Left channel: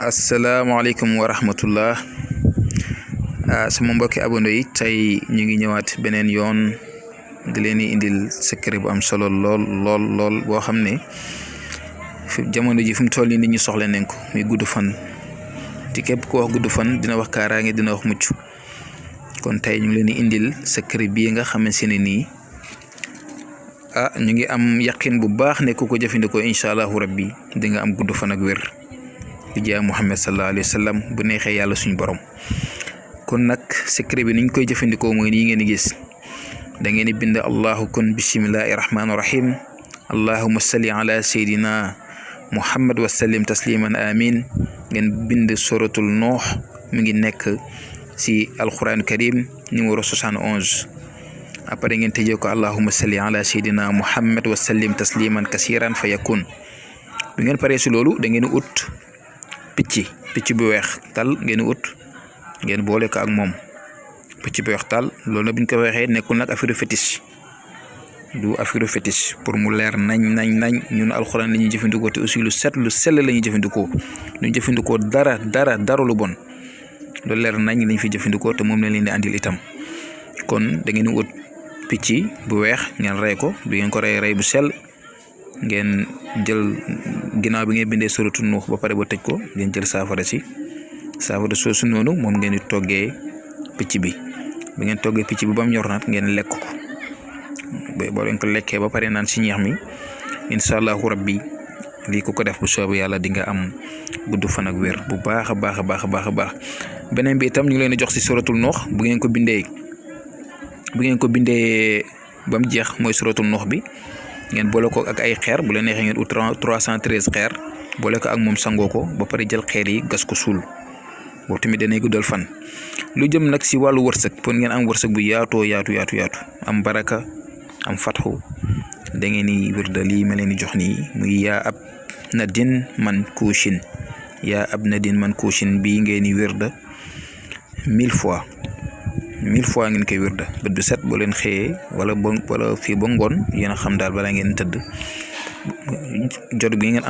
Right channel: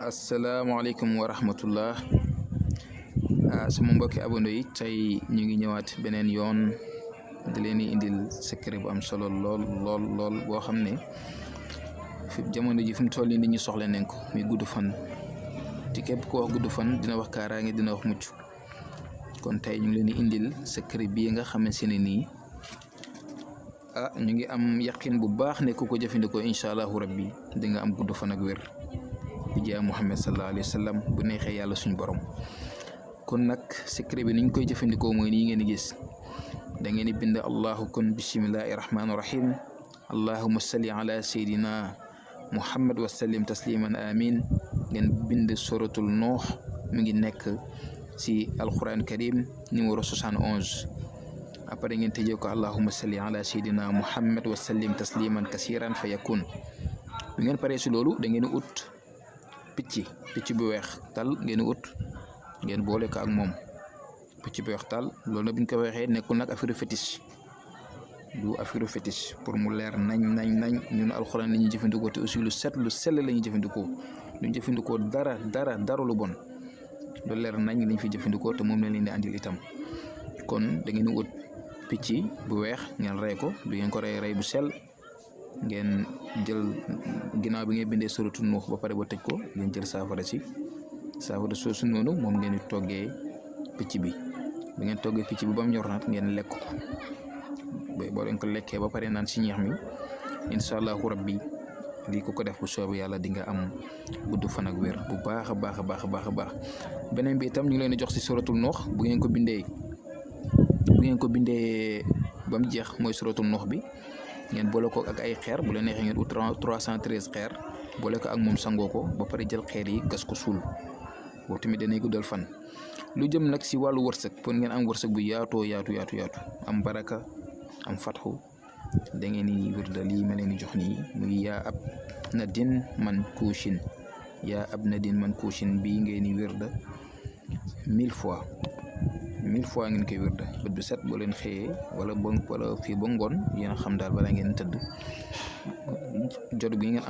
asalaamaaleykum wa rahmatullah sama mbokki abonné yi tey ñu ngi ñëwaat beneen yoon di leen di indil secret bu am solo lool boo xam ne fi jamono ji fi mu toll nii nit ñi soxla nañ ko muy gudd fan te képp ku wax gudd fan dina wax kaaraange dina wax mucc kon tey ñu ngi leen di indil secret bii nga xamante ne nii ñu ngi am yaqin bu baax ne ku ko jëfandikoo incha allahu rabbi di nga am gudd fan ak wér. di jaay Muhammad sallallahu alayhi wa sallam bu neexee yàlla suñu borom kon nag secret bi niñ koy jëfandikoo mooy nii ngeen di gis da ngeen di bind allahu kon bismillahi rahmaani rahim allahumma salli ala sayyidina Muhammad wa sallim tasliman amin ngeen bind suratul Nuh mi ngi nekk si alquran karim numéro 71 après ngeen tëjee ko allahumma salli ala sayyidina Muhammad wa sallim tasliman kasiran fa yakun bu ngeen paree si loolu da ngeen ut picc bu weex tal ngeen ut ngeen boole ko ak moom picc bu weex tal loolu nag bu ñu ko waxee nekkul nag affaire fétiche du affaire fétiche pour mu leer nañ ñun alxuraan la ñuy jëfandikoo te aussi lu sell la ñuy jëfandikoo duñ jëfandikoo dara lu bon lu leer nañ lañ fi jëfandikoo te moom lañ leen di andil itam kon da ngeen ut picc bu weex ngeen rey ko du ngeen ko rey bu sell ngeen jël ginnaaw bi ngeen bindee suratu Nuux ba pare ba tëj ko ngeen jël saafara soosu noonu moom ngeen di toggee picc bi ba ngeen toggee picc bi ba mu ñor nag ngeen lekk ko boo leen ko lekkee ba pare naan si ñeex mi incha allahu rabbi lii ko def bu soobee yàlla di nga am gudd fan ak wér bu baax a baax beneen bi itam ñu ngi leen di jox si suratul Nuux bu ngeen ko bindee ba mu jeex mooy suratul Nuux bi. ngeen boole ko ak ay xeer bu la neexee ngeen ut 313 xeer boole ko ak moom sangoo ko ba pare jël xeer yi gas ko suul boobu tamit danay guddal fan. lu jëm nag si wàllu wërsëg pour ngeen am wërsëg bu yaatu am baraka am fatxu da ngeen di wirda lii ma leen di jox nii muy yaa ab nadin man kuushin bii ngeen di wirda 1000 fois ngeen koy wirda bët bu set boo leen xëyee wala fii ba ngoon yéen a xam daal balaa ngeen tëdd jot gi ngeen am